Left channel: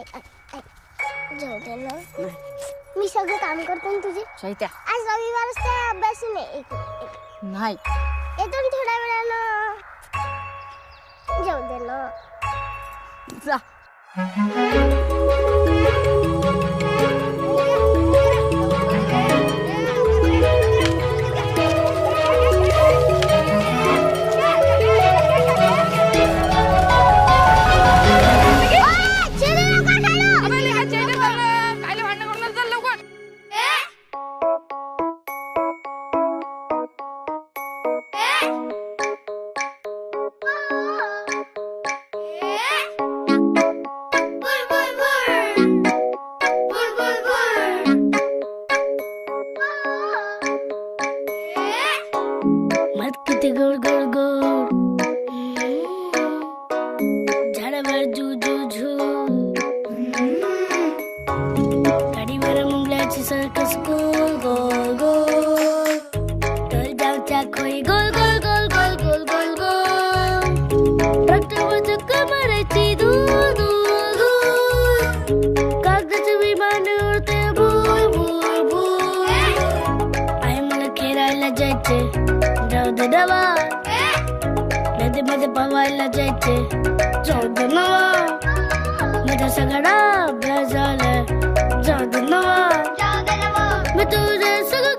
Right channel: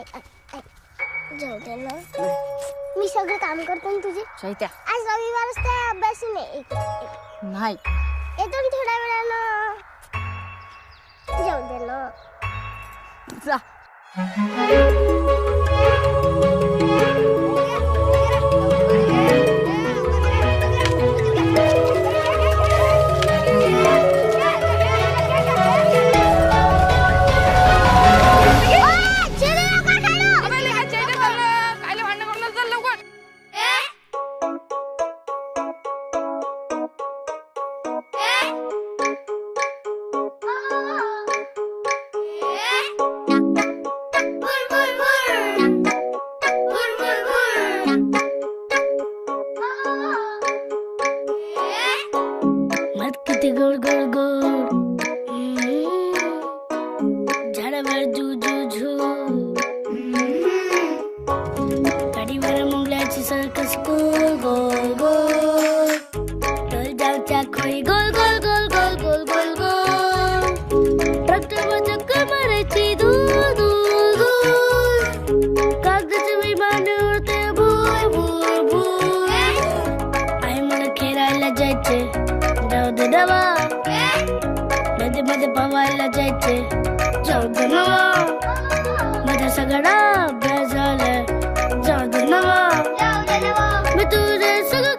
जाऊ दे ना, मी सगळं काम करतो ना तुझे. शैत्या आज रविवार असते, अभ्यास नाही. नाही येतो ना थोड्या वेळानं. जाऊ दे ना. जा. मत किती गोड गोड गोड, झाडावर झू झू झू, गाडीवर मुंगल्याची सर्कस गोल गोल गोल, तल जाऊच्या खोई गोल गोल गोल गोल गोल गोल गोल, ट्रॅक्टरवर चक्कर मारायची दूर दूर दूर, कागदाचे विमान उडते भूर भूर भूर. आई मला खेळायला जायचे, जाऊ दे डबा. नदीमध्ये पवायला जायचे, जाऊ दे नवा. माझा सगळा अभ्यास झाला, जाऊ दे नवा. मी तुझे सगळं